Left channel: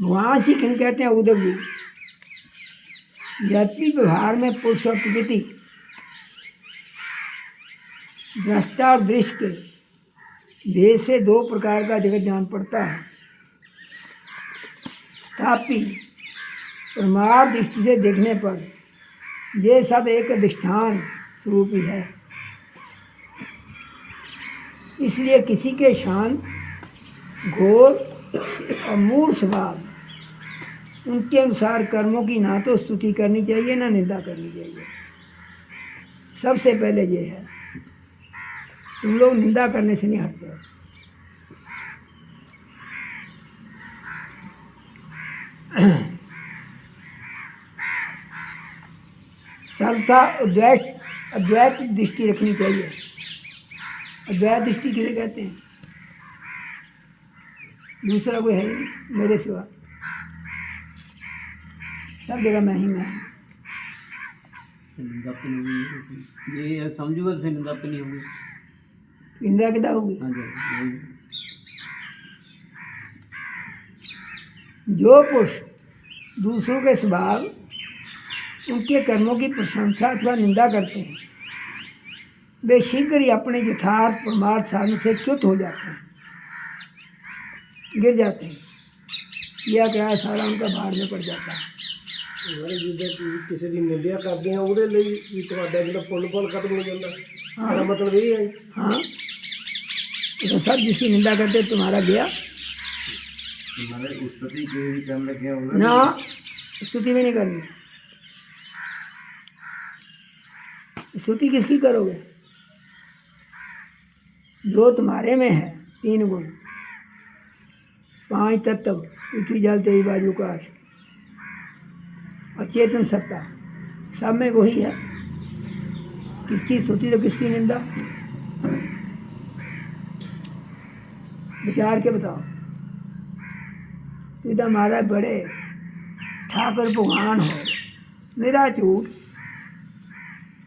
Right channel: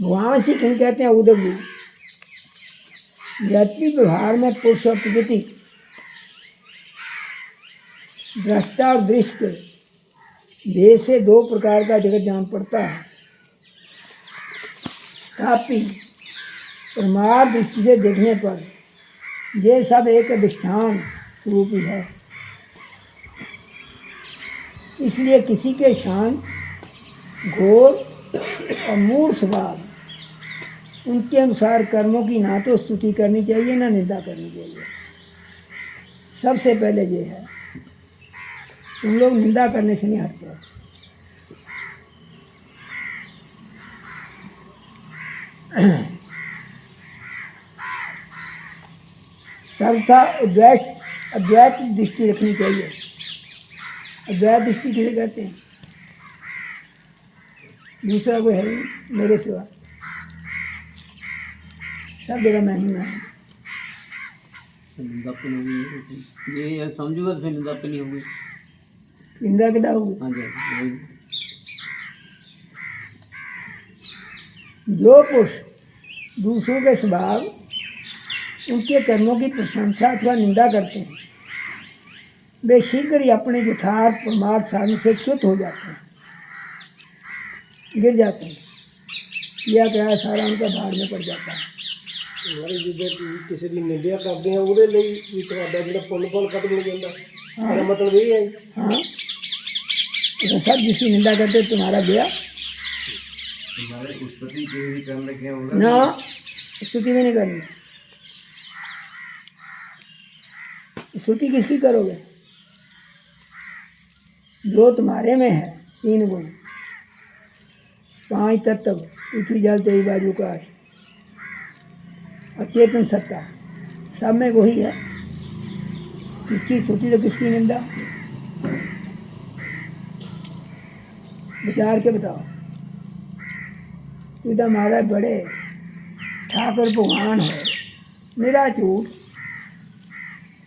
वहाँ से किन कहते हैं उदगी। यद्यपि व्यवहार में पुरुष और प्रकृति, दृष्टा और दृश्य के भेद से दो प्रकार का जगत जान पड़ता है, तथापि परमार्थ दृष्टि से देखने पर ये सब एक अधिष्ठान स्वरूप ही है। इसलिए किसी के शांत, घोर और मूढ़ स्वभाव उनके अनुसार कर्मों की ना तो स्तुति करनी चाहिए ना निंदा करनी चाहिए। सबसे पहले ये है, तुम लोग निंदा करने से नहीं हटते। सर्वथा अद्वैत दृष्टि रखनी चाहिए। अद्वैत दृष्टि किसे कहते हैं? दूसरा कोई है नहीं मेरे सिवा, सब जगह मैं ही मैं हूँ। निंदा तो नहीं होगी, ये समझूगा तो फिर निंदा तो नहीं होगी। निंदा कितना होगी? हाँ जी। जो पुरुष दूसरों के स्वभाव, उनके कर्मों की प्रशंसा अथवा निंदा करते हैं, वे शीघ्र ही अपने यथार्थ परमार्थ साधन से च्युत हो जाते हैं, गिर जाते हैं। किया क्या सारा उनका भार में पड़ जाता है। हमारे जिद्दे किसी की निंदा करते हैं ਉਹਦੇ ਲਈ ਵੀ ਤੁਹਾਡਾ ਜਿਹੜਾ ਪੁੰਨ खत्म हो जाता है। इसका मतलब यही है। हाँ, तो सब जिसकी निंदा करते तुम्हारा गया तुम्हारे स्तुति के भी करने लगे होगा ना, स्तुति भी नहीं करनी। स्तुति किसकी करोगे? जो तुम्हारे में है, तीन गुण, पांच तत्व, पृथ्वी जल तेज वायु आकाश और चेतन सत्ता, सब में वही है। किसकी स्तुति तो किसकी निंदा? विचार के बताओ। तू तो हमारा बड़े ठाकुर भगवान है, मेरा झूठ,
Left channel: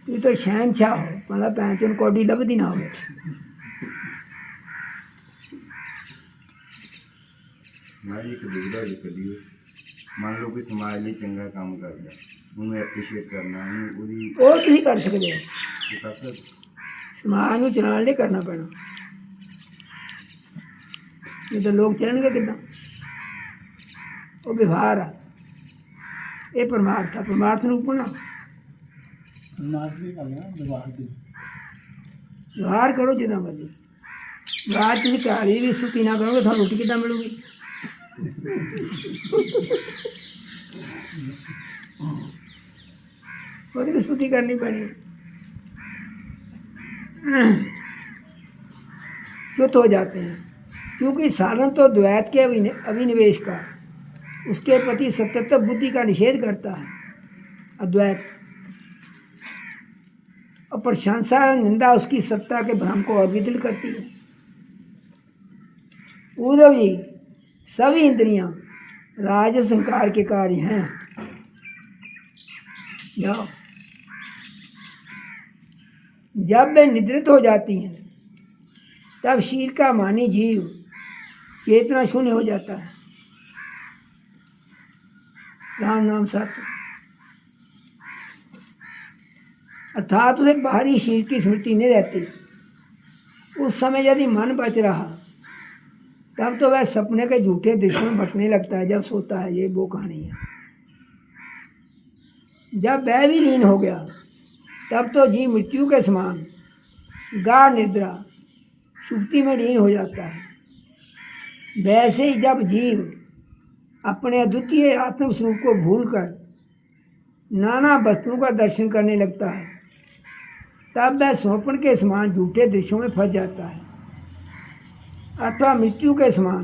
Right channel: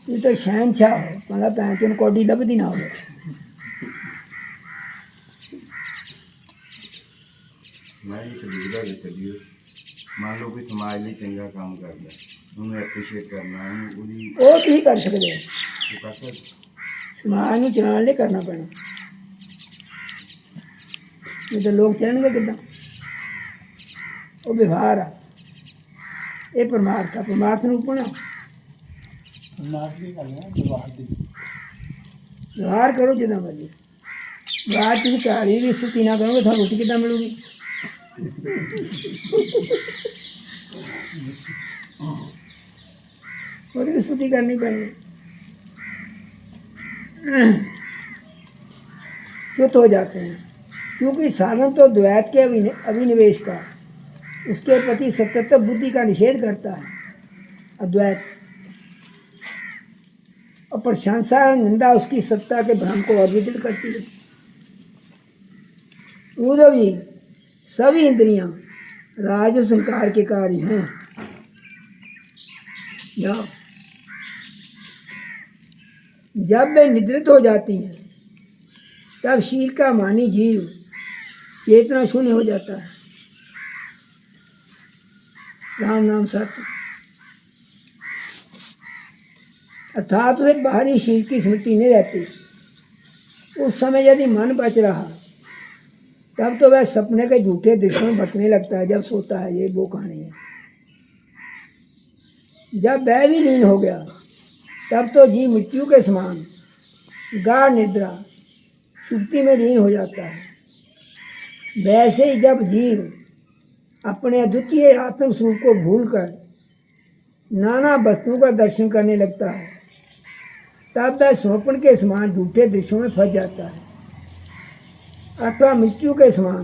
तू तो शहनशाह हो, मतलब पैंचन कौडी लभदी ना हो। ਮੈਂ ਇੱਕ ਦੁਬਦਾ ਕਰੀਓ, ਮੰਨ ਲਓ ਕੋਈ ਸਮਾਜ ਲਈ ਚੰਗਾ ਕੰਮ ਕਰਦਾ, ਉਹਨੂੰ ਐਪਰੀਸ਼ੀਏਟ ਕਰਨਾ, ਉਹਨੂੰ ਉਹਦੀ ਉਹ ਤੁਸੀਂ ਕਰ ਸਕਦੇ ਹੋ, ਉਹ ਕਰ ਸਕਦੇ। ਸਮਾਜ ਨੂੰ ਚਲਾਉਣ ਲਈ ਕਰਨਾ ਪੈਣਾ, ਨਹੀਂ ਤਾਂ ਲੋਕ ਚੱਲਣਗੇ ਕਿੱਦਾਂ? ਉਹ ਵਿਵਹਾਰ ਆ, ਇਹ ਪਰਮਾਰਥ ਆ। ਪਰਮਾਰਥ ਨੂੰ ਪਣਾ परमार्थ की गल है, व्यवहार की। ਵਿਵਹਾਰ ਕਰੋ ਜਿੱਦਾਂ ਮਰਜ਼ੀ। ਵਿਵਹਾਰ ਤੁਸੀਂ ਘਾੜੀ ਦੀ स्तुति ਨਾ ਕਰੋਗੇ, ਤੁਹਾਨੂੰ ਰੋਟੀ ਕਿੱਦਾਂ ਮਿਲੂਗੀ? ਉਹਦੀ ਵੀ स्तुति करनी ਪੈਣੀ। च्युत हो जाते हैं, क्योंकि साधन तो द्वैत के अभिनिवेश का, उसके प्रति सत्यत्व बुद्धि का निषेध करता है अद्वैत, और प्रशंसा निंदा उसकी सत्ता के भ्रम को और विदित करती है। उद्धव जी, सभी इंद्रियां राजस संकार के कार्य हैं। जब वे निद्रित हो जाती हैं, तब शील का मानी जीव चेतना शून्य हो जाता है। राम नाम सत्य, अर्थात उसे बाहरी शील की स्मृति नहीं रहती। उस समय यदि मन बच रहा, तब तो वह सपने के झूठे दृश्यों में बटने लगता है जब सोता है। ये वो कहानी है। जब वह भी लीन हो गया, तब तो जीव मृत्यु के समान गाढ़ निद्रा सुक्ति में लीन हो जाता है। वैसे ही जब जीव अपने अद्वितीय आत्मस्वरूप को भूलकर नाना वस्तुओं का दर्शन करने लगता है, तब वह स्वप्न के समान झूठे दृश्यों में फंस जाता है, अथवा मृत्यु के समान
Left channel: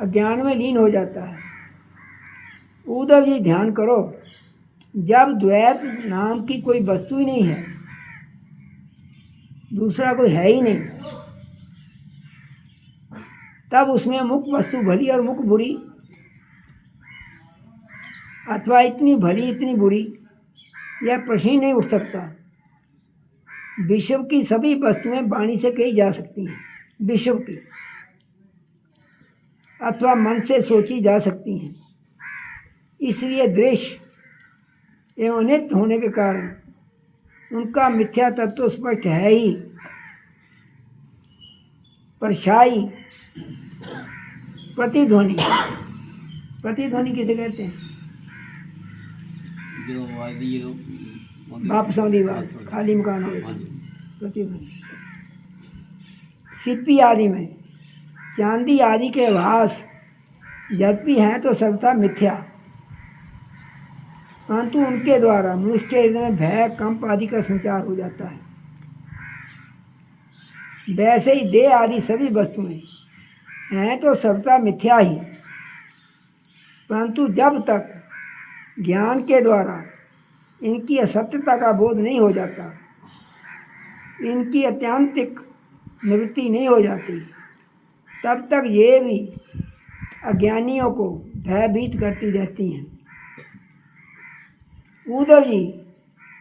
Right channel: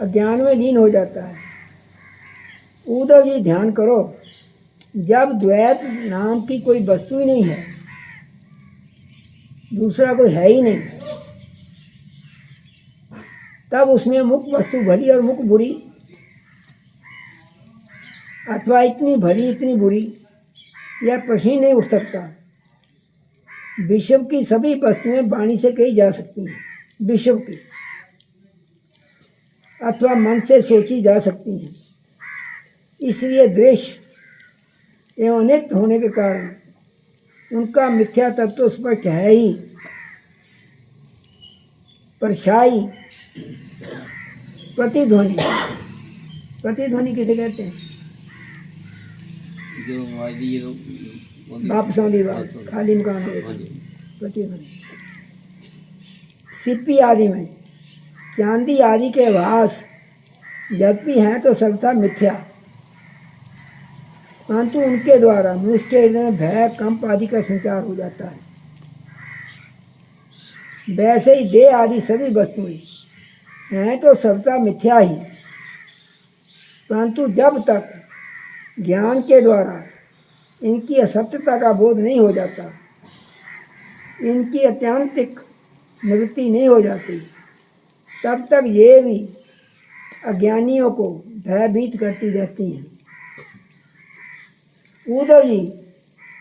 अज्ञान में लीन हो जाता है। उद्धव जी, ध्यान करो, जब द्वैत नाम की कोई वस्तु ही नहीं है, दूसरा कोई है ही नहीं, तब उसमें मुख्य वस्तु भली और मुख्य बुरी, अथवा इतनी भली इतनी बुरी, यह प्रश्न ही नहीं उठ सकता। विश्व की सभी वस्तुएं वाणी से कही जा सकती हैं। विश्व की अथवा मन से सोची जा सकती हैं। इसलिए दृश्य एवं नित्य होने के कारण उनका मिथ्या तत्व तो स्पष्ट है ही। परछाई प्रतिध्वनि, प्रतिध्वनि किसे कहते हैं? जो वादी वापस आने बात, खाली मकान हो गया। प्रतिध्वनि सिप्पी आदि में चांदी आदि के भास यद्यपि हैं तो सर्वथा मिथ्या, परंतु उनके द्वारा मनुष्य के हृदय में भय कंप आदि का संचार हो जाता है। वैसे ही देह आदि सभी वस्तुएं हैं तो सर्वथा मिथ्या ही, परंतु जब तक ज्ञान के द्वारा इनकी असत्यता का बोध नहीं हो जाता, इनकी अत्यंतिक निवृत्ति नहीं हो जाती, तब तक ये भी अज्ञानियों को भयभीत करती रहती हैं। उद्धव जी,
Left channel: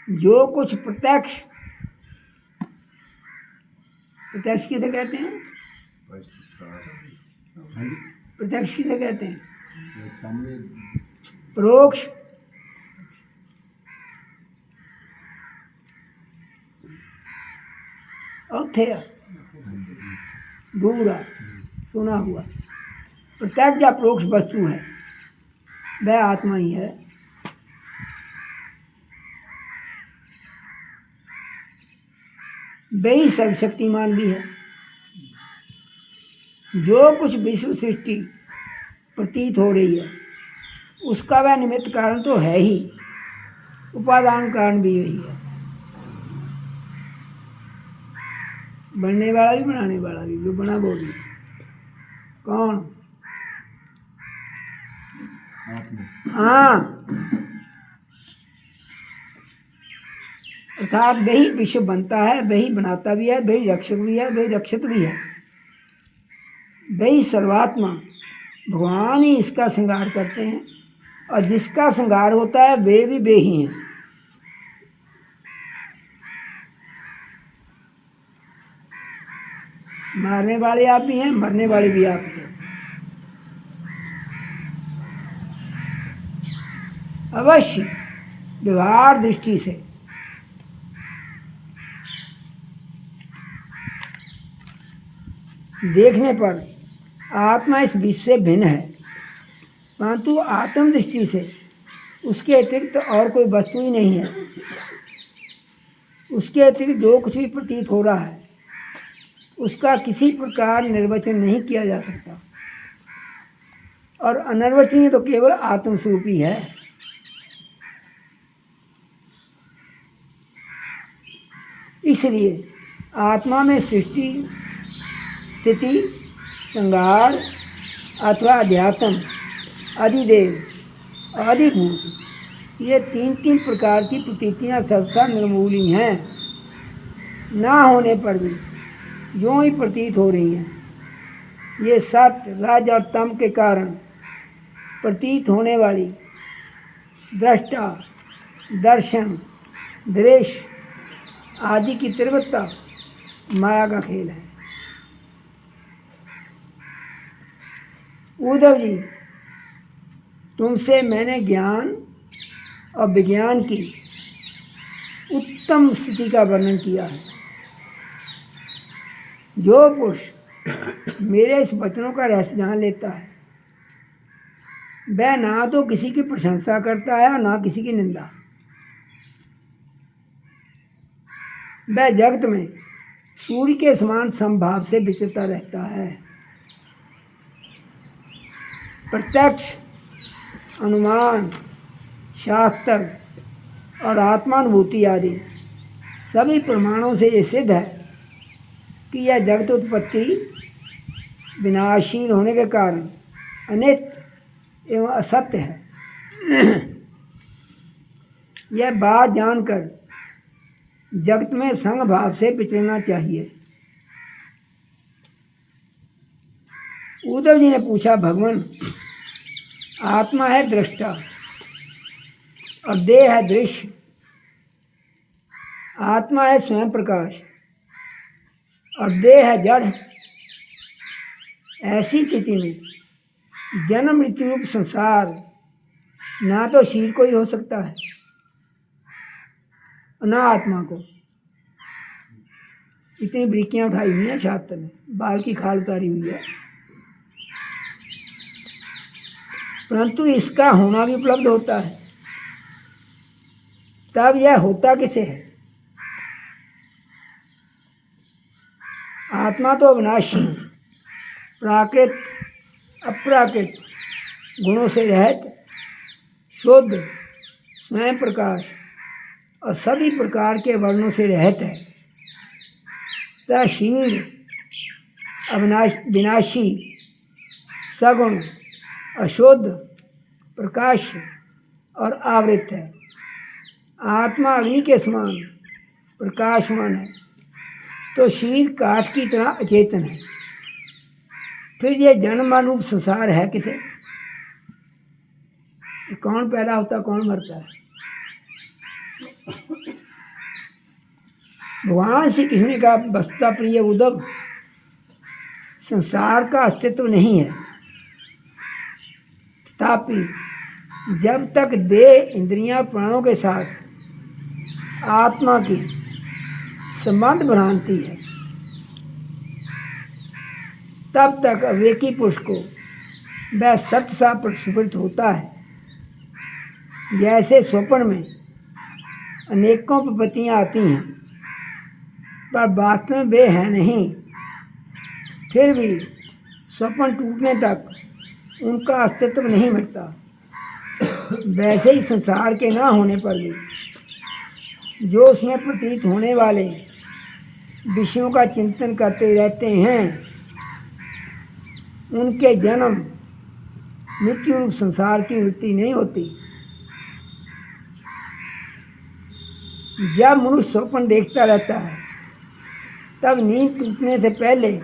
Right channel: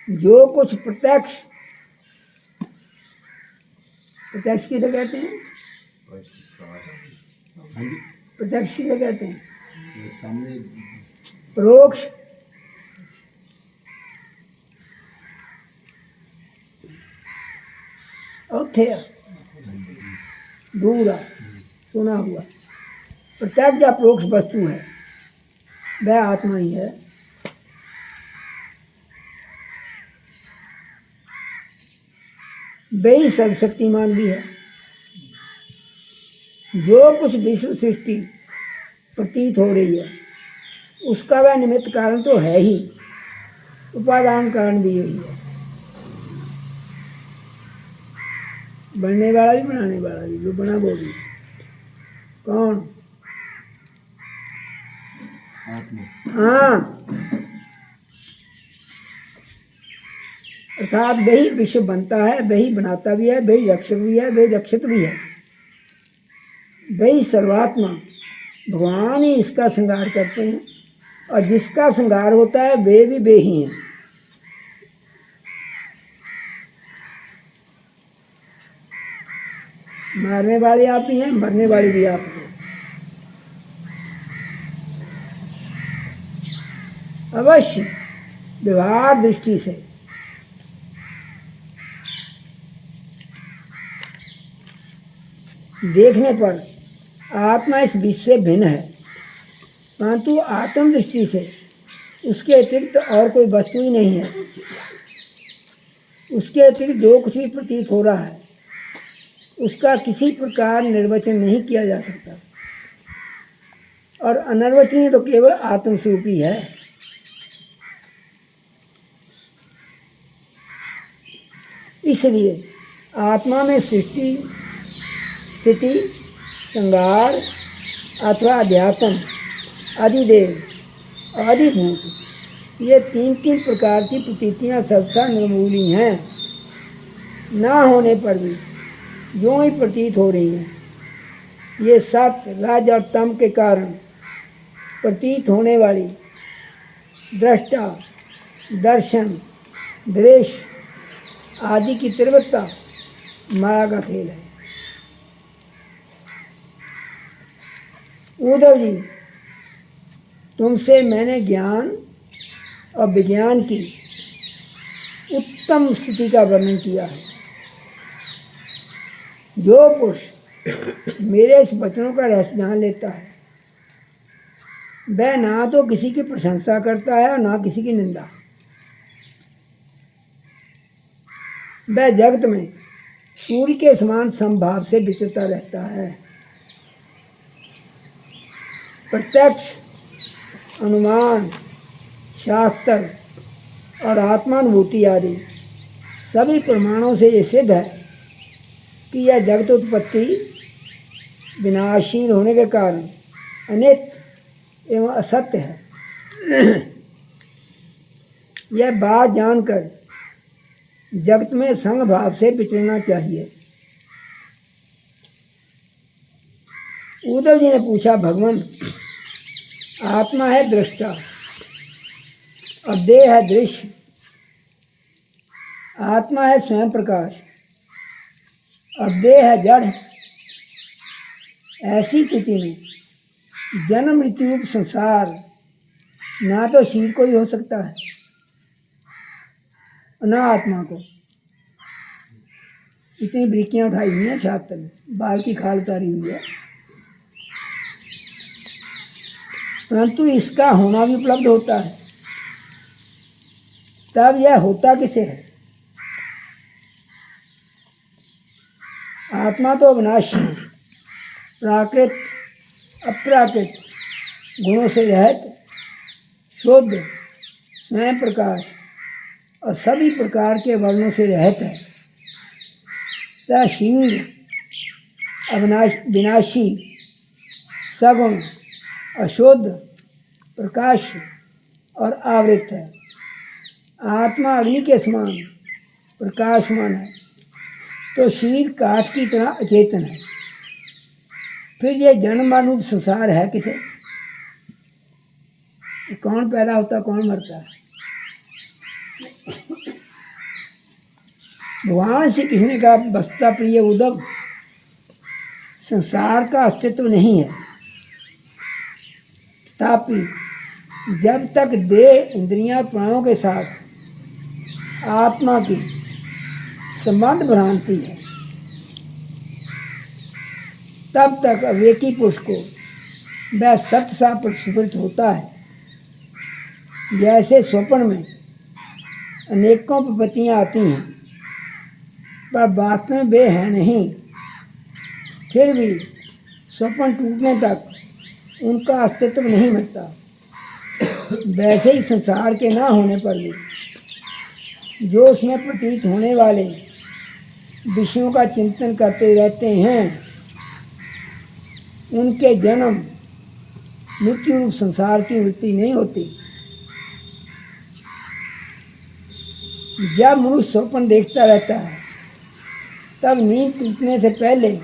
जो कुछ प्रत्यक्ष, प्रत्यक्ष किसे कहते हैं? प्रत्यक्ष किसे कहते हैं? परोक्ष, और थे दूरा सुना हुआ। प्रत्यक्ष या परोक्ष वस्तु है वह आत्मा ही है। वही सर्वशक्तिमान भी है। जो कुछ विश्व सृष्टि प्रतीत हो रही है उसका वह निमित्त कारण तो है ही, उपादान कारण भी यही है। बनने वाला भी बनाने वाला भी, जो बना वो भी। कौन? हाँ, अर्थात वही विश्व बनता है, वही बनाता भी है, वही रक्षक भी है, वही रक्षित भी है। वही सर्वात्मा भगवान ही इसका श्रृंगार करते हैं, और जिसका श्रृंगार होता है वे ही हैं। मारने वाले आप ही हैं, मरने वाले भी आप हैं। अवश्य व्यवहार दृष्टि से देखने पर आत्मा इस विश्व से भिन्न है, परंतु आत्म दृष्टि से उसके अतिरिक्त और कोई वस्तु ही नहीं है। उसके अतिरिक्त जो कुछ भी प्रतीत हो रहा है उसका किसी प्रकार निर्वचन नहीं किया जा सकता, और अनिर्वचनीय तो केवल आत्मस्वरूप ही है। इसलिए आत्मा में सृष्टि, स्थिति, संहार अथवा अध्यात्म, अधिदेव, अधिभूत, ये तीन प्रकार की प्रतीतियाँ सबका निर्मूली हैं। ना होने पर भी यूँ ही प्रतीत हो रही हैं। ये सत्य, रज और तम के कारण प्रतीत होने वाली दृष्टा, दर्शन, दृश्य आदि की तीव्रता माया का खेल है। उद्धव जी, तुमसे मैंने ज्ञान और विज्ञान की उत्तम स्थिति का वर्णन किया है। जो पुरुष मेरे इस वचनों का रहस्य जान लेता है वह ना तो किसी की प्रशंसा करता है और ना किसी की निंदा। वह जगत में सूर्य के समान समभाव से विचरता रहता है। प्रत्यक्ष, अनुमान, शास्त्र और आत्मानुभूति आदि सभी प्रमाणों से ये सिद्ध है कि यह जगत उत्पत्ति विनाशील होने के कारण अनित्य एवं असत्य है। यह बात जानकर जगत में संग भाव से विचरना चाहिए। उद्धव जी ने पूछा, भगवान, आत्मा है दृष्टा और देह है दृश्य। आत्मा है स्वयं प्रकाश और देह है जड़। ऐसी स्थिति में जन्म मृत्यु रूप संसार ना तो शरीर को ही हो सकता है ना आत्मा को। इतनी बरीकियां उठाई हुई हैं छात्र में, बाल की खाल उतारी हुई है, परंतु इसका होना भी उपलब्ध होता है। तब यह होता किसे है? आत्मा तो अविनाशी, प्राकृत अप्राकृत गुणों से रहित, शुद्ध, स्वयं प्रकाश और सभी प्रकार के वर्णों से रहित है। तथा शरीर विनाशी, सगुण, अशुद्ध, प्रकाश और आवृत है। आत्मा अग्नि के समान प्रकाशमान है, तो शरीर काठ की तरह अचेतन है। फिर ये जन्ममान रूप संसार है किसे? कौन पैदा होता, कौन मरता है? भगवान श्री कृष्ण ने कहा, बसता प्रिय उद्धव, संसार का अस्तित्व नहीं है, तथापि जब तक देह इंद्रियां प्राणों के साथ आत्मा की संबंध भ्रांति है, तब तक अविवेकी पुरुष को वह सत्य सा प्रस्फुटित होता है। जैसे स्वप्न में अनेकों विपत्तियां आती हैं, पर वास्तव में वे हैं नहीं, फिर भी स्वप्न टूटने तक उनका अस्तित्व नहीं मिटता। वैसे ही संसार के ना होने पर भी जो उसमें प्रतीत होने वाले विषयों का चिंतन करते रहते हैं, उनके जन्म मृत्यु रूप संसार की वृत्ति नहीं होती। जब मनुष्य स्वप्न देखता रहता है, तब नींद टूटने से पहले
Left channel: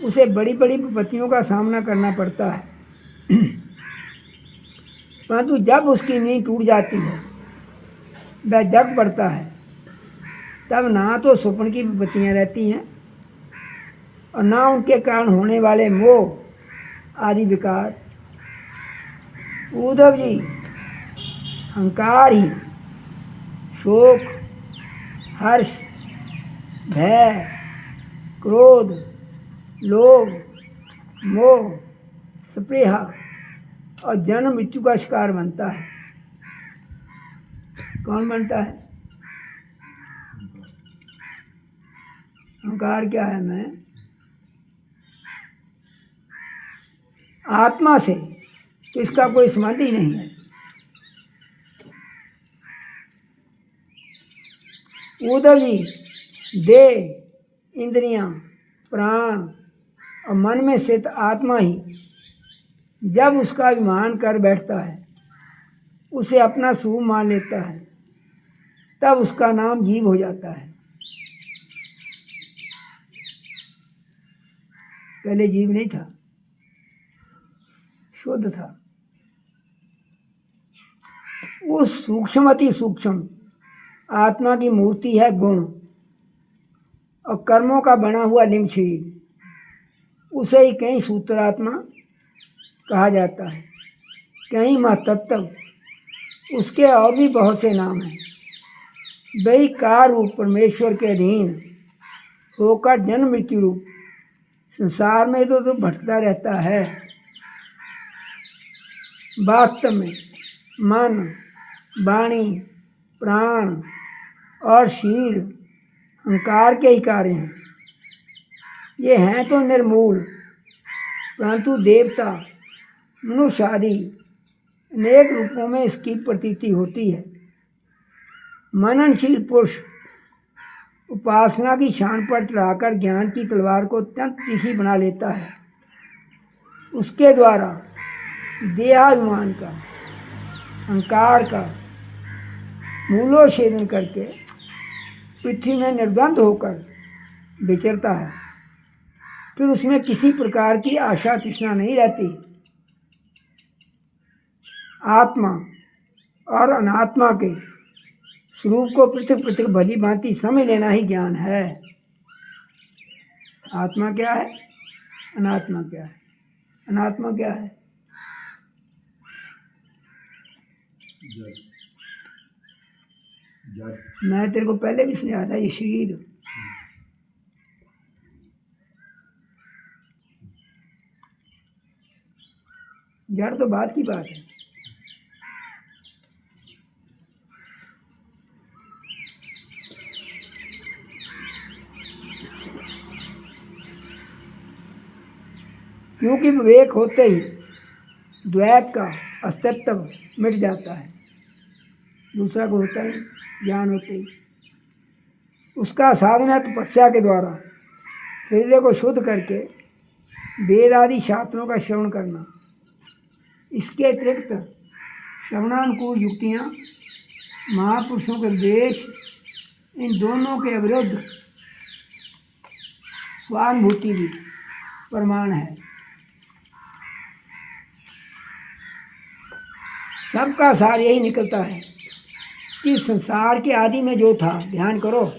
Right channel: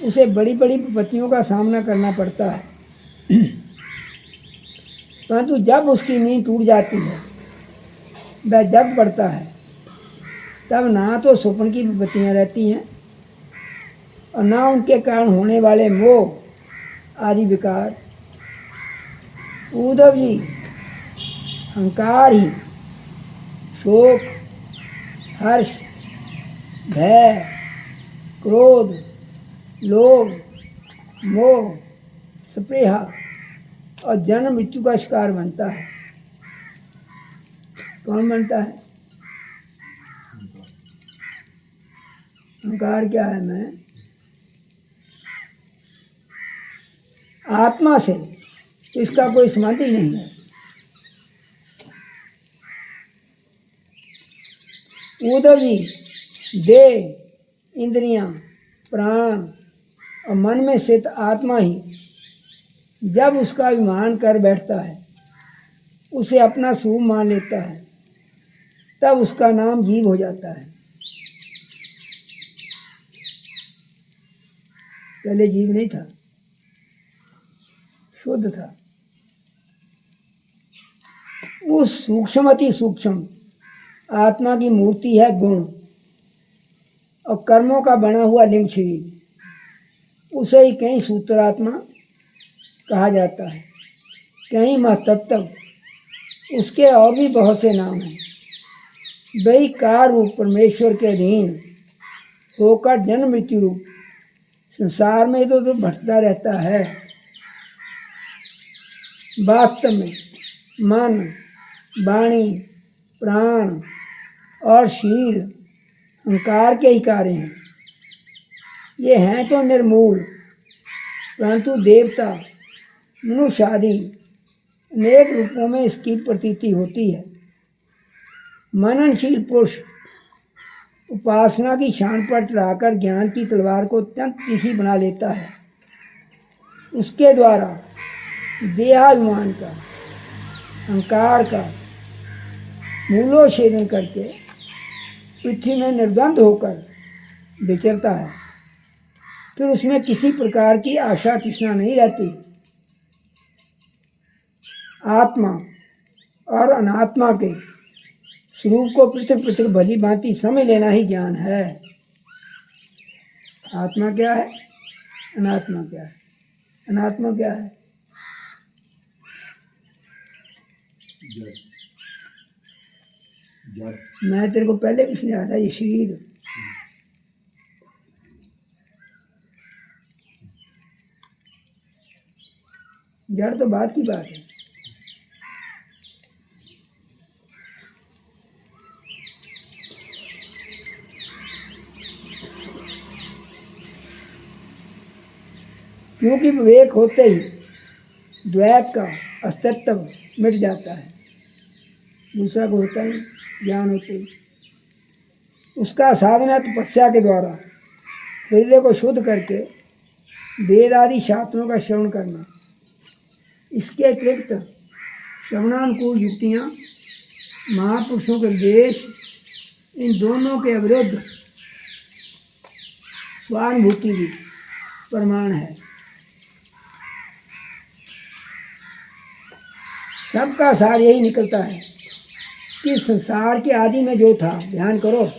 उसे बड़ी बड़ी विपत्तियों का सामना करना पड़ता है, परंतु जब उसकी नींद टूट जाती है, वह जग पड़ता है, तब ना तो स्वप्न की विपत्तियाँ रहती हैं और ना उनके कारण होने वाले मोह आदि विकार। उद्धव जी, अहंकार ही शोक, हर्ष, भय, क्रोध, लोभ, मोह, स्पृहा और जन्म मृत्यु का शिकार बनता है। कौन बनता है? अहंकार क्या है? मैं आत्मा से तो इसका कोई संबंध ही नहीं है। उद्धव जी, देह, इंद्रियां, प्राण और मन में स्थित आत्मा ही जब उसका अभिमान कर बैठता है, उसे अपना स्वरूप मान लेता है, तब उसका नाम जीव हो जाता है। पहले जीव नहीं था, शुद्ध था। उस सूक्ष्म अति सूक्ष्म आत्मा की मूर्ति है गुण और कर्मों का बना हुआ लिंग शरीर। उसे ही कहीं सूत्रात्मा कहा जाता है, कहीं महतत्व, उसके और भी बहुत से नाम हैं। वही कार रूप परमेश्वर के अधीन होकर जन्म मृत्यु रूप संसार में तो भटकता रहता है। वास्तव में मन, वाणी, प्राण और शरीर अहंकार के ही कार्य हैं। ये हैं तो निर्मूल, परंतु देवता, मनुष्य आदि अनेक रूपों में इसकी प्रतीति होती है। मननशील पुरुष उपासना की शान पर चढ़ाकर ज्ञान की तलवार को अत्यंत तीखी बना लेता है। उसके द्वारा देहाभिमान का, अहंकार का मूलोच्छेदन करके पृथ्वी में निर्द्वंद होकर विचरता है। फिर उसमें किसी प्रकार की आशा तृष्णा नहीं रहती। आत्मा और अनात्मा के स्वरूप को पृथक पृथक भली भांति समझ लेना ही ज्ञान है। आत्मा क्या है, अनात्मा क्या है। अनात्मा क्या है? जड़ जड़ मैं तेरे को पहले भी समझाया था, ये शरीर जड़ तो बात की बात है। क्योंकि विवेक होते ही द्वैत का अस्तित्व मिट जाता है, दूसरा को होता ही ज्ञान होते ही। उसका साधना तपस्या के द्वारा हृदय को शुद्ध करके वेद आदि शास्त्रों का श्रवण करना। इसके अतिरिक्त श्रवणानुकूल युक्तियाँ, महापुरुषों के उपदेश, इन दोनों के विरुद्ध स्वानुभूति भी प्रमाण है। सबका सार यही निकलता है कि संसार के आदि में जो था, ध्यान करो,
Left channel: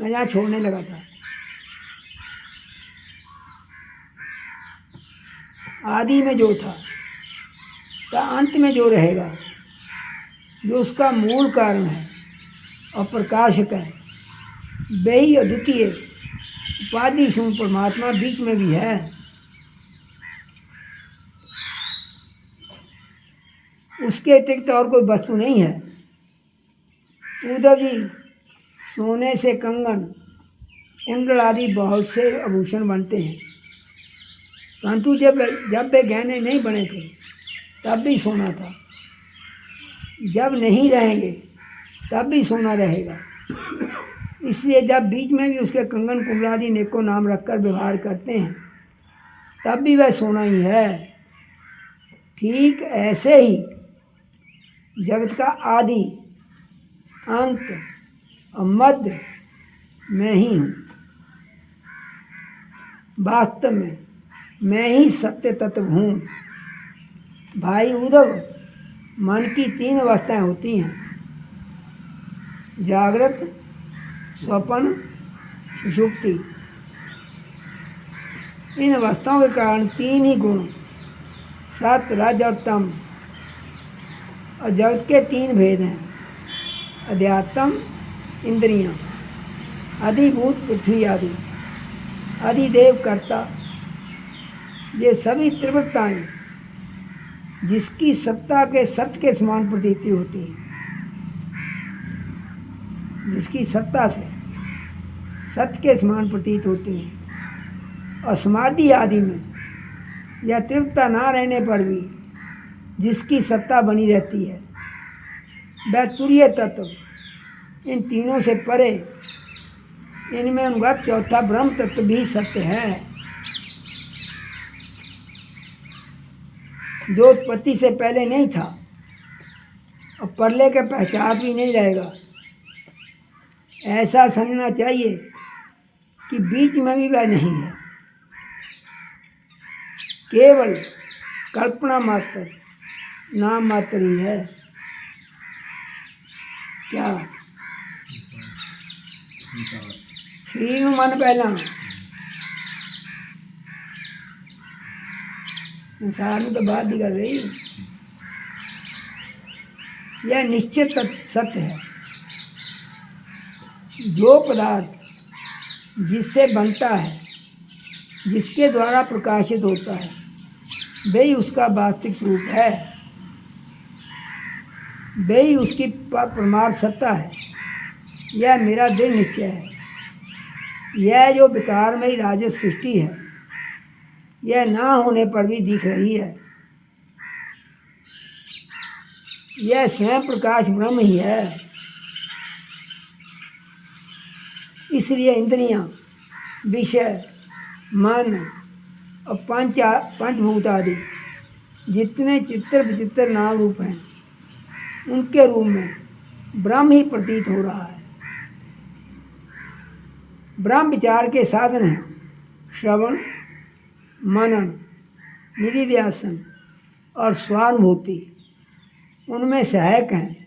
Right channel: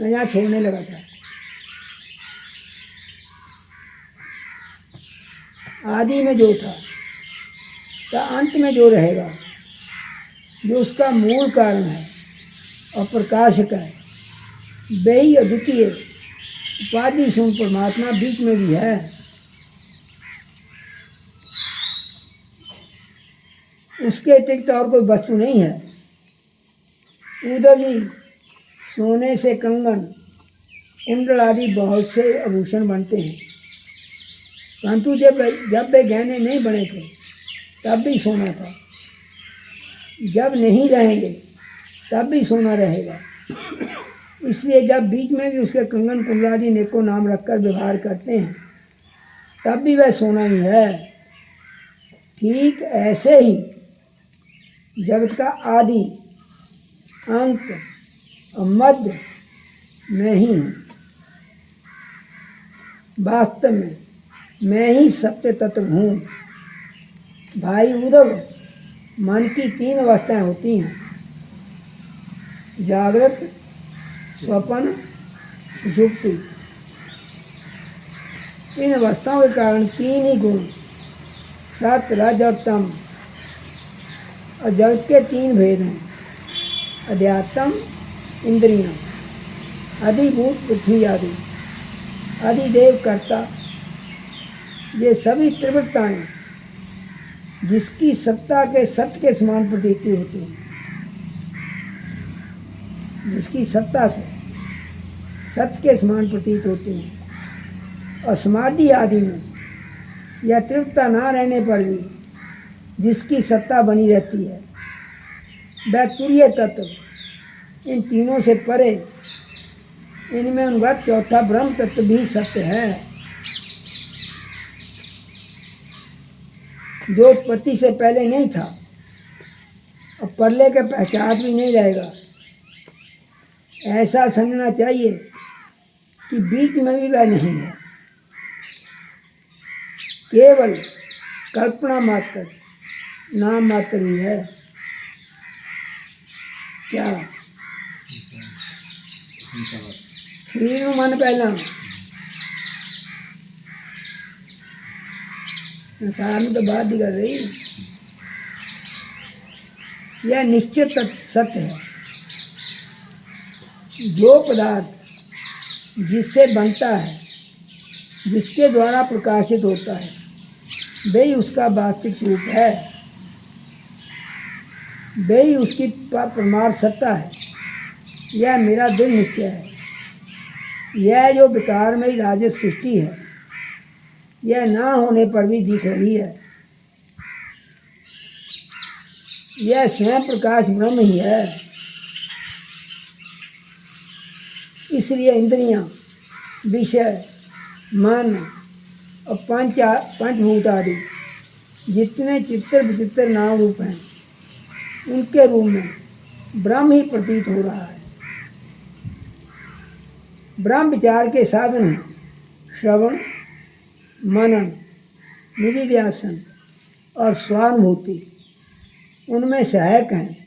मैं यहाँ छोड़ने लगा था, आदि में जो था तो अंत में जो रहेगा, जो उसका मूल कारण है और प्रकाशक है, वही अद्वितीय उपाधि शून्य परमात्मा बीच में भी है। उसके अतिरिक्त और कोई वस्तु नहीं है। उद्धव जी, सोने से कंगन, कुंडल आदि बहुत से आभूषण बनते हैं, परंतु जब वे गहने नहीं बने थे तब भी सोना था, जब नहीं रहेंगे तब भी सोना रहेगा। इसलिए जब बीच में भी उसके कंगन कुंडल आदि नेकों नाम रखकर व्यवहार करते हैं तब भी वह सोना ही है। ठीक ऐसे ही जगत का आदि, अंत और मध्य मैं ही हूँ। वास्तव में मैं ही सत्य तत्व हूँ। भाई उद्धव, मन की 3 अवस्थाएं होती हैं, जागृत, स्वप्न, सुषुप्ति। इन अवस्थाओं के कारण 3 ही गुण, सत्य, रज और तम, और जगत के 3 भेद हैं, अध्यात्म, इंद्रियां, अधिभूत पृथ्वी आदि, अधिदेव कर्ता। ये सभी त्रिवृत्ताएं जिसकी सत्ता के सत्य के समान प्रतीति होती है, जिसकी सत्ता से सत्य के समान प्रतीत होती हैं, और समाधि आदि में यह त्रिवृत्ता ना रहने पर भी जिसकी सत्ता बनी रहती है, वह तुरीय तत्व इन तीनों से परे, इनमें अनुगत चौथा ब्रह्म तत्व भी सत्य है, जो उत्पत्ति से पहले नहीं था और प्रलय के पश्चात भी नहीं रहेगा। ऐसा समझना चाहिए कि बीच में भी वह नहीं है, केवल कल्पना मात्र, नाम मात्र ही है। क्या शरीर में मन पहला, संसार में तो बात ही कर रही। यह निश्चित सत्य है। जो पदार्थ जिससे बनता है, जिसके द्वारा प्रकाशित होता है, वही उसका वास्तविक स्वरूप है, वही उसकी परमार्थ सत्ता है। यह मेरा दृढ़ निश्चय है। यह जो विकार में ही राजस सृष्टि है, यह ना होने पर भी दिख रही है। यह स्वयं प्रकाश ब्रह्म ही है। इसलिए इंद्रियां, विषय, मन और पंचभूत आदि जितने चित्र विचित्र नाम रूप हैं, उनके रूप में ब्रह्म ही प्रतीत हो रहा है। ब्रह्म विचार के साधन हैं श्रवण, मनन, निधिध्यासन और स्वानुभूति। उनमें सहायक हैं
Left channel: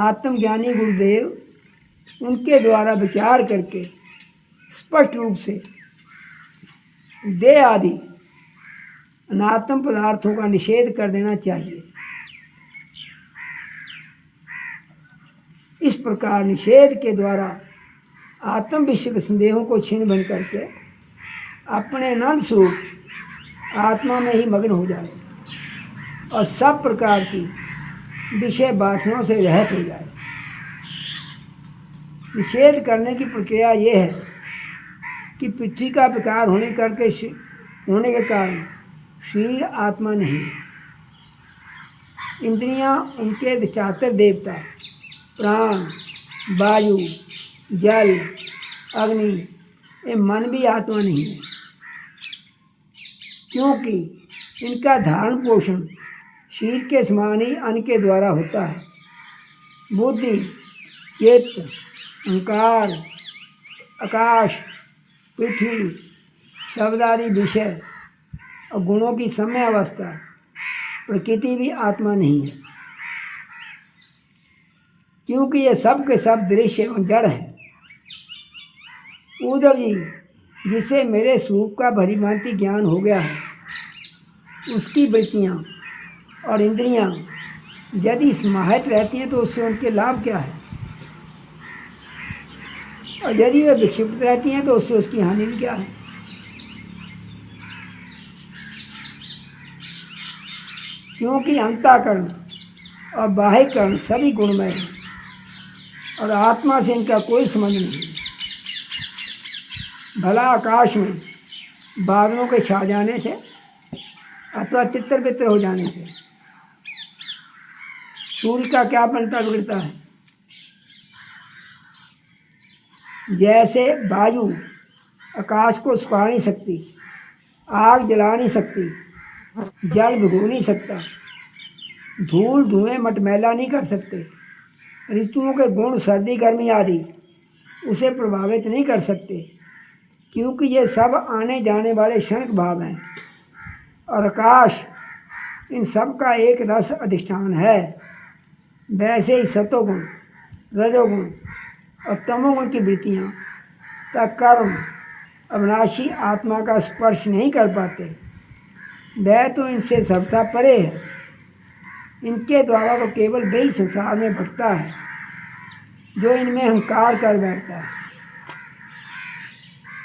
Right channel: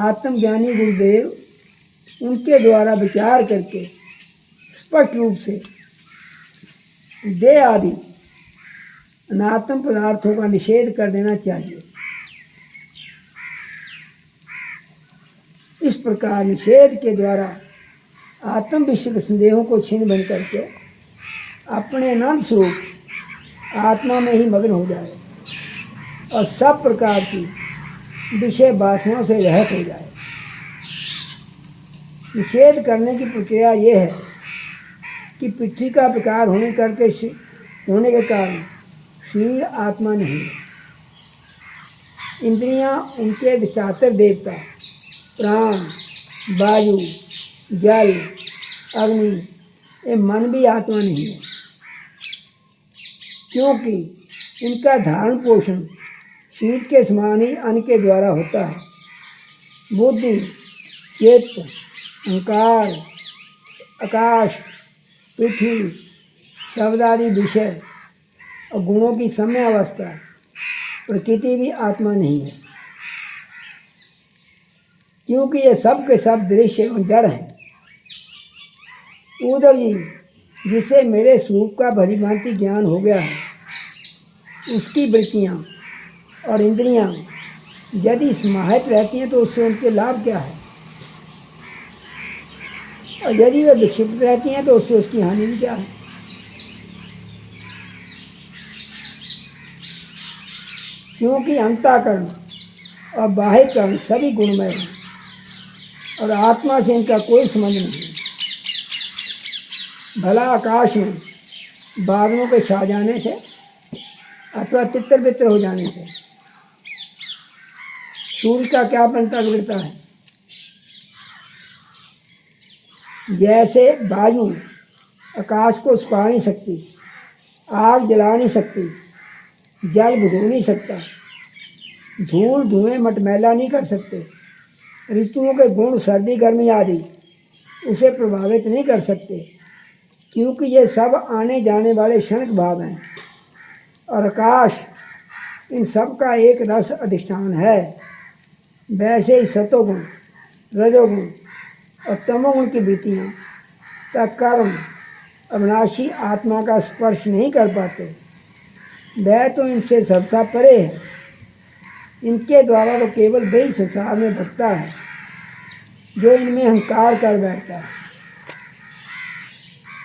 आत्मज्ञानी गुरुदेव, उनके द्वारा विचार करके स्पष्ट रूप से देह आदि अनात्म पदार्थों का निषेध कर देना चाहिए। इस प्रकार निषेध के द्वारा आत्म विषय संदेहों को छिन्न भिन्न करके अपने अनंत स्वरूप आत्मा में ही मग्न हो जाए और सब प्रकार की विषय वासनाओं से रहित हो जाए। निषेध करने की प्रक्रिया ये है कि पृथ्वी का विकार होने के कारण शरीर आत्मा नहीं है। इंद्रियां, उनके अधिष्ठात्र देवता, प्राण, वायु, जल, अग्नि, ये मन भी आत्मा नहीं है, क्योंकि इनका धारण पोषण शरीर के समान ही अन्न के द्वारा होता है। बुद्धि, चित्त, अहंकार, आकाश, पृथ्वी, शब्द आदि विषय और गुणों की समय अवस्था, प्रकृति भी आत्मा नहीं है, क्योंकि ये सब के सब दृश्य एवं जड़ है। उद्धव जी, जिसे मेरे स्वरूप का भली भांति ज्ञान हो गया है, उसकी वृत्तियाँ और इंद्रियाँ यदि समाहित रहती हैं तो उससे उनके लाभ क्या है, और यदि वे विक्षिप्त रहती हैं तो उससे उसकी हानि भी क्या है। क्योंकि अंतःकरण और बाह्यकरण सभी गुणमय हैं और आत्मा से इनका कोई संबंध नहीं। भला आकाश में बादलों के छा जाने से अथवा तितर बितर हो जाने से सूर्य का क्या बनता बिगड़ता है। जैसे वायु आकाश को सुखा नहीं सकती, आग जला नहीं सकती, जल भिगो नहीं सकता, धूल धुएं मटमैला नहीं कर सकते, ऋतुओं के गुण सर्दी गर्मी आदि उसे प्रभावित नहीं कर सकते, क्योंकि ये सब आने जाने वाले क्षणिक भाव हैं। और आकाश इन सब का एक रस अधिष्ठान है। वैसे ही सतोगुण, रजोगुण और तमोगुण की वृत्तियाँ का कर्म अविनाशी आत्मा का स्पर्श नहीं कर पाते। वह तो इनसे सर्वथा परे है। इनके द्वारा तो केवल वही संसार में भटकता है जो इनमें अहंकार कर बैठता है।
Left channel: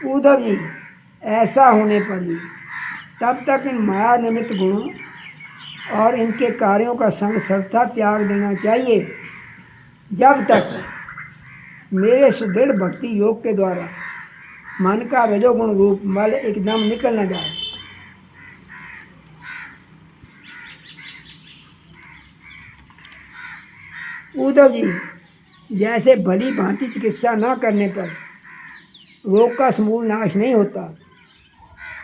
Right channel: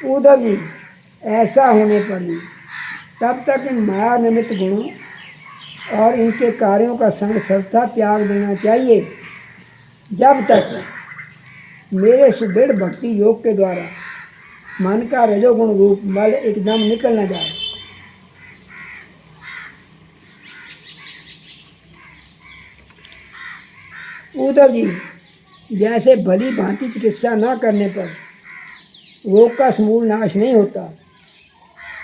उद्धव जी, ऐसा होने पर भी तब तक इन माया निमित्त गुणों और इनके कार्यों का संग सर्वथा त्याग देना चाहिए, जब तक मेरे सुदृढ़ भक्ति योग के द्वारा मन का रजोगुण रूप मल एकदम निकल न जाए। उद्धव जी, जैसे भली भांति चिकित्सा न करने पर रोग का समूल नाश नहीं होता,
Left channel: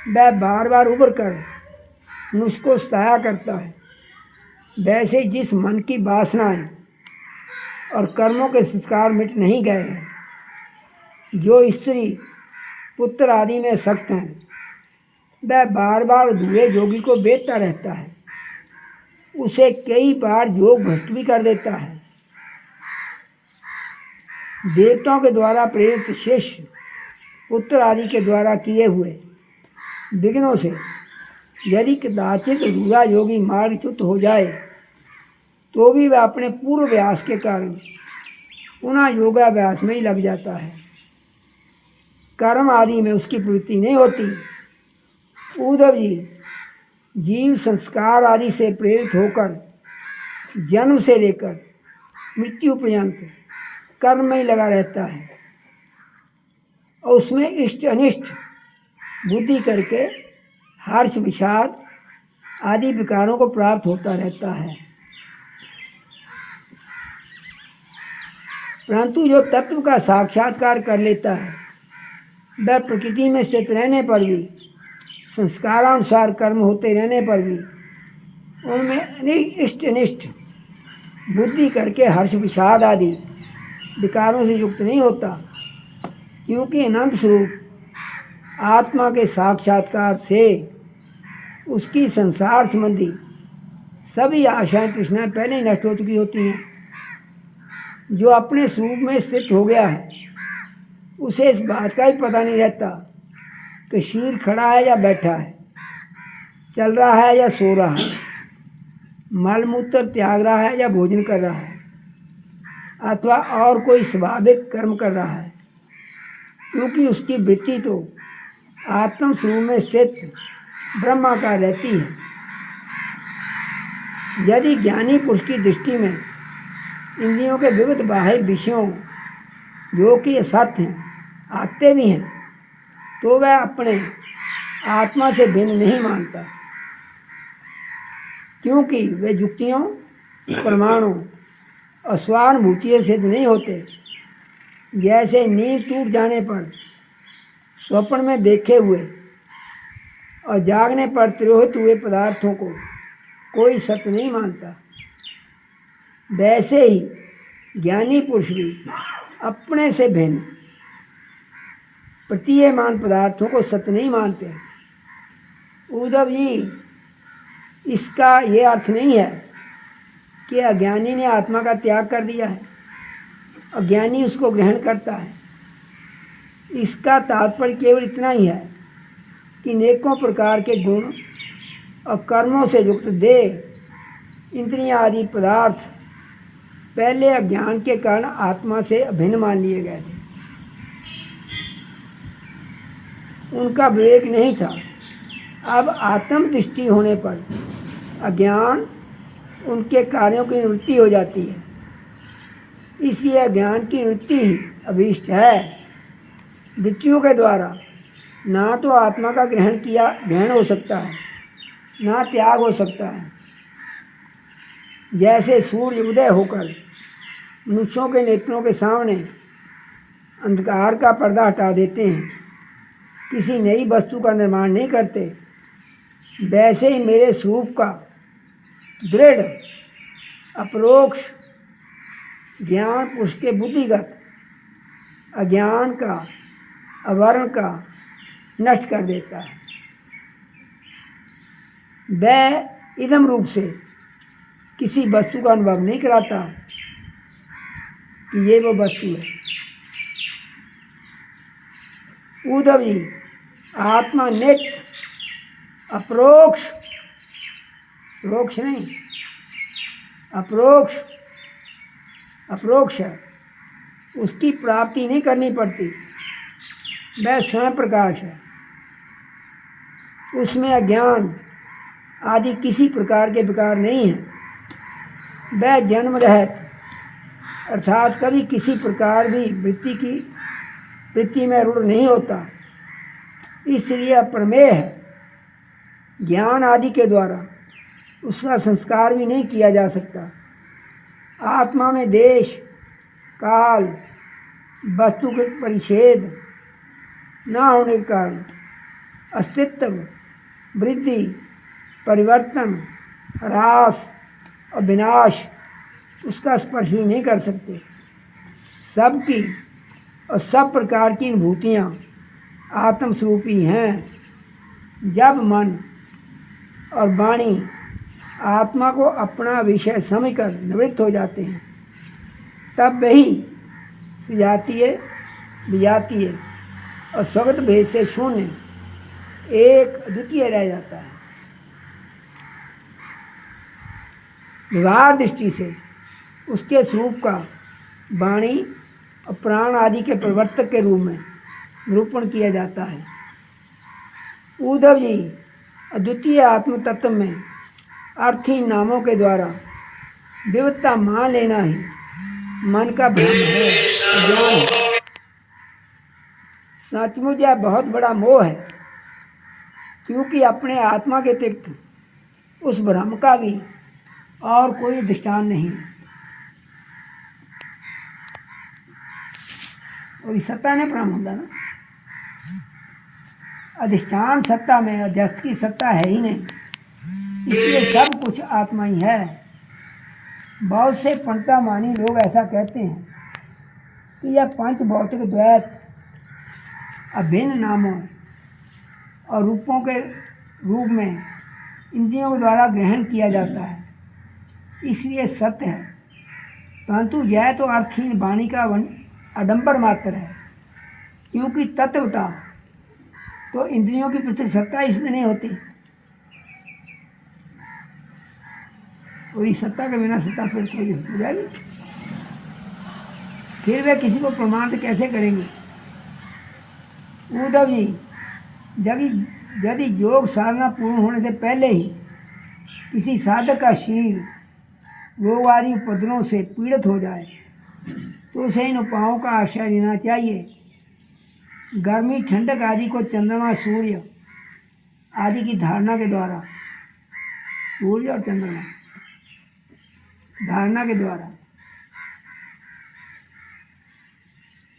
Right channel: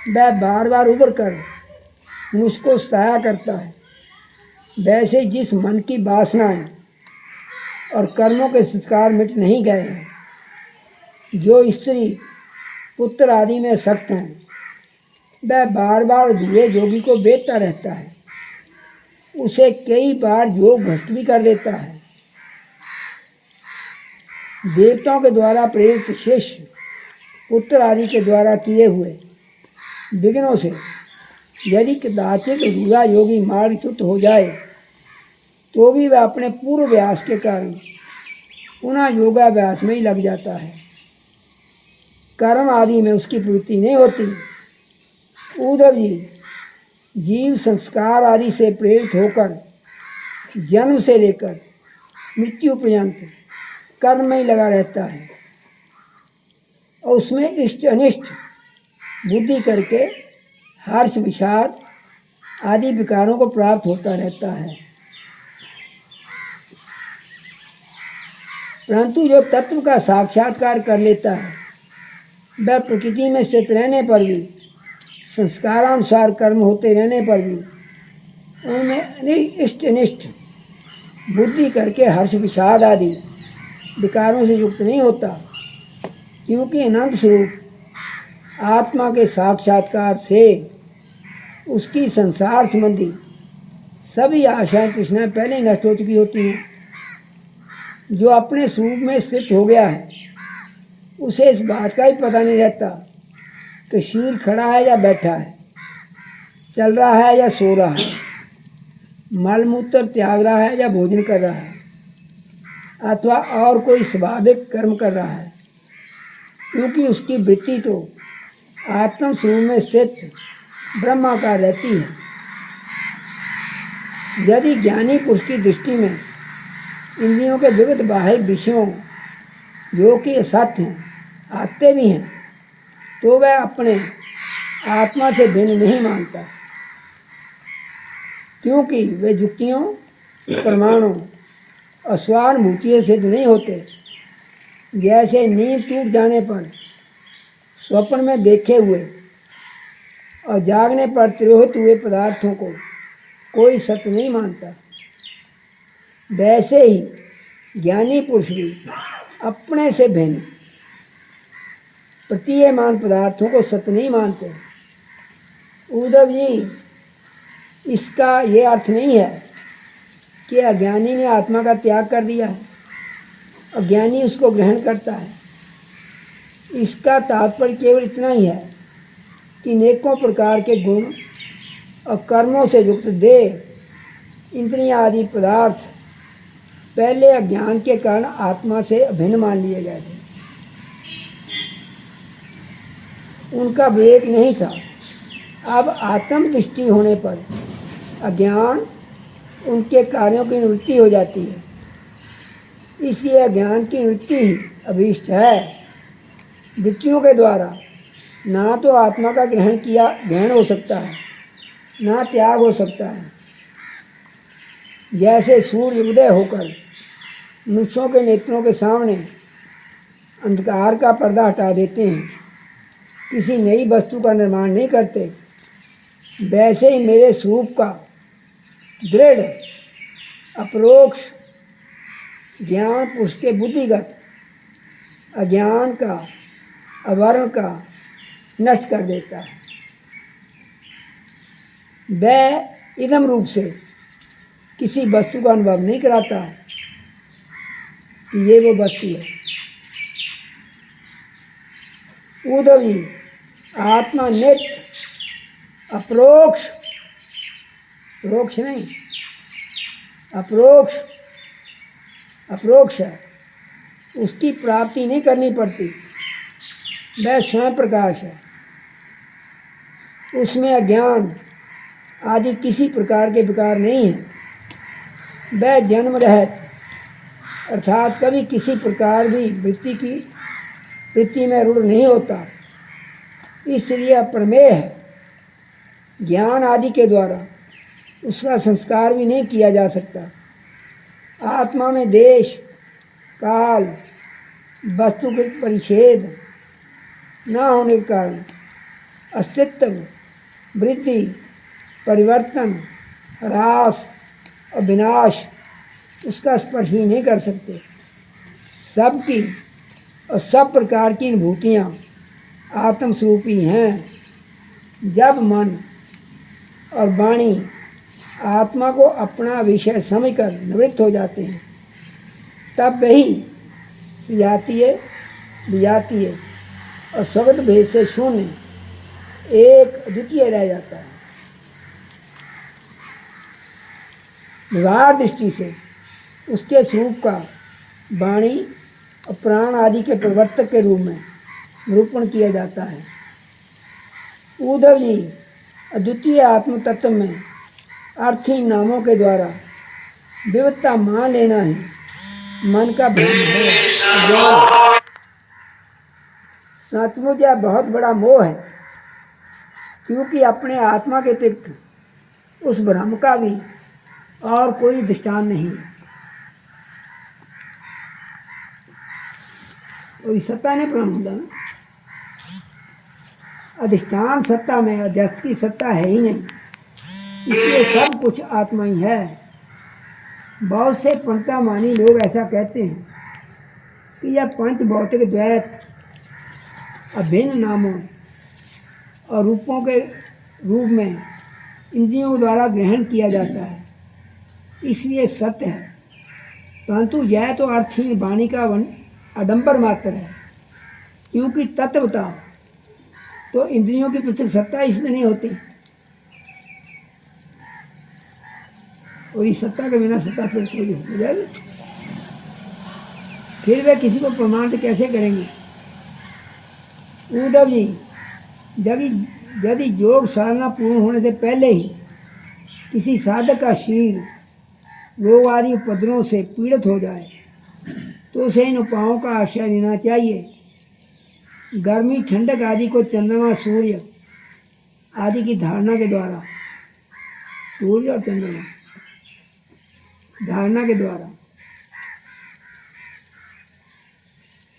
वह बार बार उभर कर मुझको सताया करता है। वैसे जिस मन की वासनाएं और कर्मों के संस्कार मिट नहीं गए हैं, जो स्त्री पुत्र आदि में सख्त हैं, वह बार बार अधूरे योगी को बेचता रहता है, उसे कई बार योग भ्रष्ट भी कर देता है। देवताओं के द्वारा प्रेरित शिष्य पुत्र आदि के द्वारा किए हुए विघ्नों से यदि कदाचित अधूरा योगी मार्गच्युत हो जाए तो भी वह अपने पूर्व व्यास के कारण पुनः योगाभ्यास में ही लग जाता है। कर्म आदि में उसकी प्रवृत्ति नहीं होती। उद्धव जी, जीव संस्कार आदि से प्रेरित होकर जन्म से लेकर मृत्यु पर्यंत कर्म में ही लगा रहता है और उसमें इष्ट अनिष्ट बुद्धि करके हर्ष विषाद आदि विकारों को प्राप्त होता रहता है। परंतु जो तत्व का साक्षात्कार कर लेता है, वह प्रकृति में स्थित रहने पर भी, संस्कारानुसार कर्म होते रहने पर भी उनमें इष्ट अनिष्ट बुद्धि करके हर्ष विषाद आदि विकारों से युक्त नहीं होता, क्योंकि अनंत स्वरूप आत्मा के साक्षात्कार से उसकी संसार संबंधी सभी आशाएं तृष्णाएं पहले ही नष्ट हो चुकी होती हैं। जो अपने स्वरूप में स्थित हो गया है, उसे इस बात का ही पता नहीं रहता कि शरीर खड़ा है या बैठा है, चल रहा है या सो रहा है, मल मूत्र त्याग रहा है या भोजन कर रहा है, अथवा और कोई स्वाभाविक कर्म कर रहा है, क्योंकि उसकी वृत्ति तो आत्म स्वरूप में स्थित ब्रह्माकार रहती है। यदि ज्ञानी पुरुष की दृष्टि में इंद्रियों के विविध बाह्य विषयों जो कि असत्य हैं आते भी हैं, तो वह अपने आत्मा से भिन्न नहीं मानता, क्योंकि वे युक्तियों, प्रमाणों और स्वानुभूति सिद्ध नहीं होते। जैसे नींद टूट जाने पर स्वप्न में देखे हुए और जागने पर तिरोहित हुए पदार्थों को कोई सत्य नहीं मानता, वैसे ही ज्ञानी पुरुष भी अपने से भिन्न प्रतीयमान पदार्थों को सत्य नहीं मानते। उद्धव जी, इसका ये अर्थ नहीं है कि अज्ञानी ने आत्मा का त्याग कर दिया है और ज्ञानी उसको ग्रहण करता है। इसका तात्पर्य केवल इतना ही है कि नेकों प्रकार के गुण और कर्मों से युक्त देह, इंद्रियां आदि पदार्थ पहले अज्ञान के कारण आत्मा से अभिन्न मान लिए गए थे। उनका विवेक नहीं था। अब आत्म दृष्टि होने पर अज्ञान उनके कार्यों की निवृत्ति हो जाती है। इसलिए अज्ञान की निवृत्ति ही अभीष्ट है। वृत्तियों के द्वारा ना तो आत्मा का ग्रहण हो सकता है, ना त्याग हो सकता है। जैसे सूर्य उदय होकर मनुष्यों के नेत्रों के सामने अंधकार का पर्दा हटा देते हैं, किसी नई वस्तु का निर्माण नहीं करते, वैसे ही मेरे स्वरूप का दृढ़ अपरोक्ष ज्ञान पुरुष के बुद्धिगत अज्ञान का, आवरण का नष्ट कर देता है। वह इदम रूप से किसी वस्तु का अनुभव नहीं कराता कि ये वो वस्तु है। उद्धव जी, आत्मा नित्य अप्रोक्ष, प्रोक्ष नहीं, अप्रोक्ष है। उसकी प्राप्ति नहीं करनी पड़ती, वह स्वयं प्रकाश है। उसमें अज्ञान आदि किसी प्रकार के विकार नहीं है। वह जन्म रहित अर्थात कभी किसी प्रकार भी वृत्ति में रूढ़ नहीं होता, इसलिए अप्रमेय है। ज्ञान आदि के द्वारा उसका संस्कार भी नहीं किया जा सकता। आत्मा में देश, काल, वस्तु के परिच्छेद न होने के कारण अस्तित्व, वृद्धि, परिवर्तन, ह्रास और विनाश उसका स्पर्श भी नहीं कर सकते। सबकी और सब प्रकार की अनुभूतियाँ आत्मस्वरूपी हैं। जब मन और वाणी आत्मा को अपना विषय समझकर निवृत्त हो जाते हैं, तब वही सजातीय, विजातीय और स्वगत भेद से शून्य एक अद्वितीय रह जाता है। व्यवहार दृष्टि से उसके स्वरूप का वाणी और प्राण आदि के प्रवर्तक के रूप में निरूपण किया जाता है। उद्धव जी, अद्वितीय आत्म तत्व में अर्थहीन नामों के द्वारा विविधता मान लेना ही मन का भ्रम है। सचमुच यह बहुत बड़ा मोह है, क्योंकि अपने आत्मा के अतिरिक्त उस भ्रम का भी और कोई दृष्टांत नहीं है। कोई सत्ता नहीं भ्रम होता ना। अधिष्ठान सत्ता में अध्यस्त की सत्ता है ही नहीं, इसलिए सब कुछ आत्मा ही है। बहुत से पंडिता मानी लोग ऐसा कहते हैं कि यह पंच भौतिक द्वैत अभिन्न नामों और रूपों के रूप में इंद्रियों द्वारा ग्रहण किया जाता है, इसलिए सत्य है। परंतु यह तो अर्थहीन वाणी का आडंबर मात्र है, क्योंकि तत्वतः तो इंद्रियों की पृथक सत्ता इसलिए नहीं होती। और इस सत्ता के बिना सत्ता फिर थोड़ी हो जाएगी। फिर वे किसी को प्रमाणित कैसे करेंगे? उद्धव जी, यदि योग साधना पूर्ण होने से पहले ही किसी साधक का शरीर रोग आदि उपद्रवों से पीड़ित हो जाए तो उसे इन उपायों का आश्रय लेना चाहिए। गर्मी ठंडक आदि को चंद्रमा सूर्य आदि की धारणा के द्वारा, सूर्य और चंद्रमा धारणा के द्वारा,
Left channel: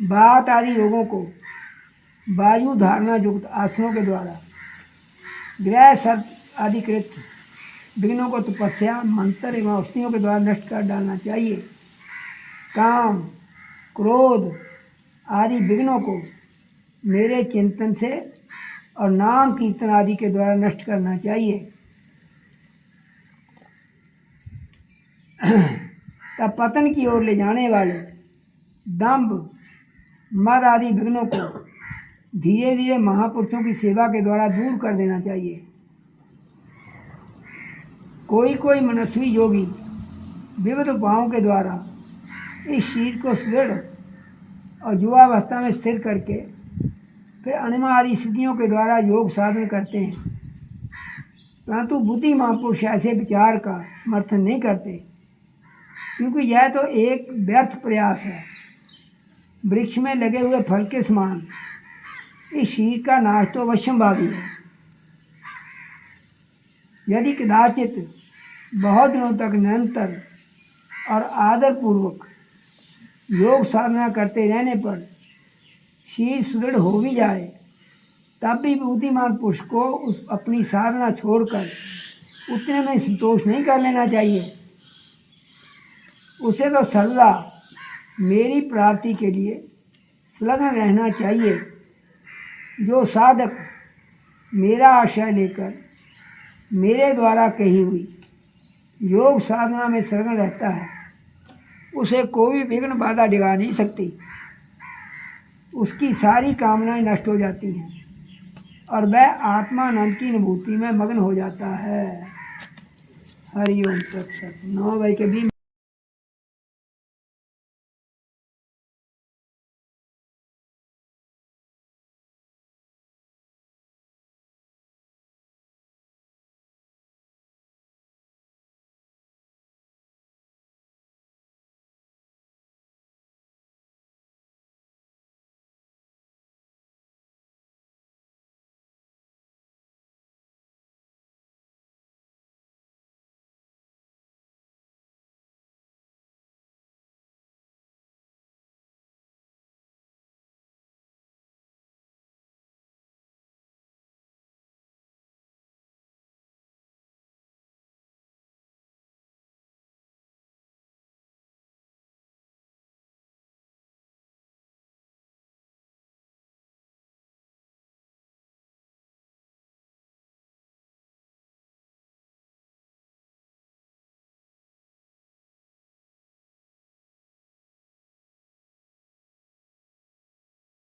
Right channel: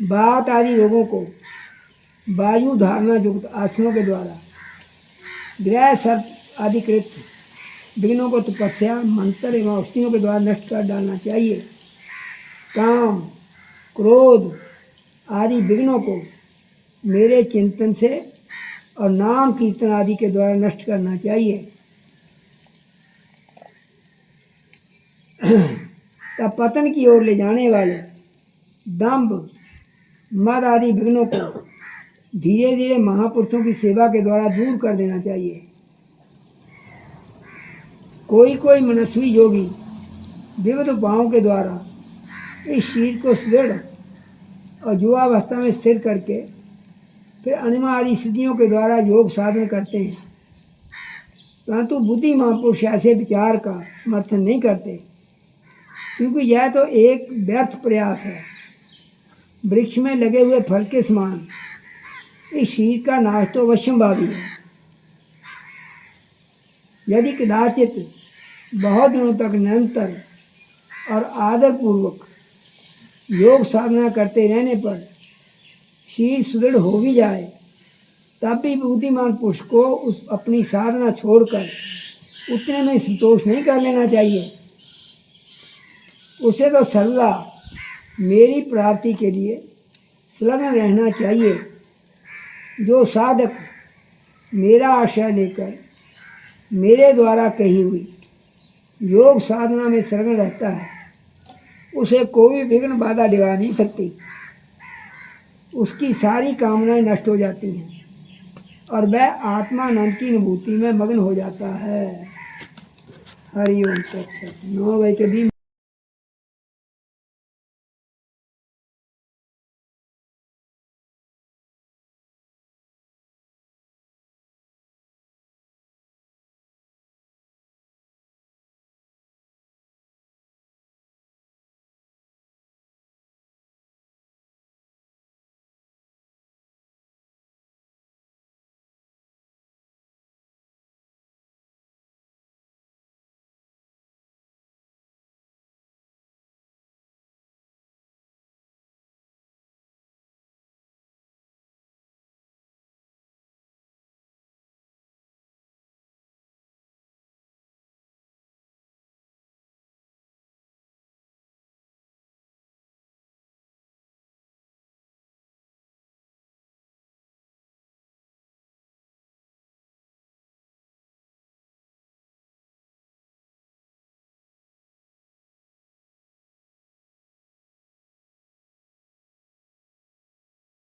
वात आदि रोगों को वायु धारणा युक्त आसनों के द्वारा, ग्रह सर्प आदि कृत विघ्नों को तपस्या मंत्र एवं औषधियों के द्वारा नष्ट कर डालना चाहिए। काम क्रोध आदि विघ्नों को मेरे चिंतन से और नाम कीर्तन आदि के द्वारा नष्ट करना चाहिए। तब पतन की ओर ले जाने वाले दंभ मद आदि विघ्नों को धीरे धीरे महापुरुषों की सेवा के द्वारा दूर कर देना चाहिए। कोई कोई मनस्वी योगी विविध उपायों के द्वारा इस शरीर को सुदृढ़ और युवावस्था में स्थिर करके फिर अनिमा आदि सिद्धियों के द्वारा योग साधन करते हैं, परंतु बुद्धि महापुरुष ऐसे विचार का समर्थन नहीं करते, क्योंकि यह तो एक व्यर्थ प्रयास है। वृक्ष में लगे हुए फल के समान इस शरीर का नाश तो अवश्यंभावी है। यदि कदाचित बहुत दिनों तक निरंतर और आदरपूर्वक योग साधना करते रहने पर शरीर सुदृढ़ हो भी जाए, तब भी बुद्धिमान पुरुष को उस अपनी साधना छोड़कर उतने में संतोष नहीं कर लेना चाहिए। उसे तो सर्वदा मेरी प्राप्ति के लिए संलग्न रहना चाहिए। जो साधक मेरा आश्रय लेकर मेरे द्वारा कही हुई योग साधना में संलग्न रहता है, उसे कोई विघ्न बाधा डिगा नहीं सकती। उसकी सारी कामनाएं नष्ट हो जाती हैं और वह आत्मानंद की अनुभूति में मग्न हो जाता है। हरि ओम तत्सत। 9 बजे के 20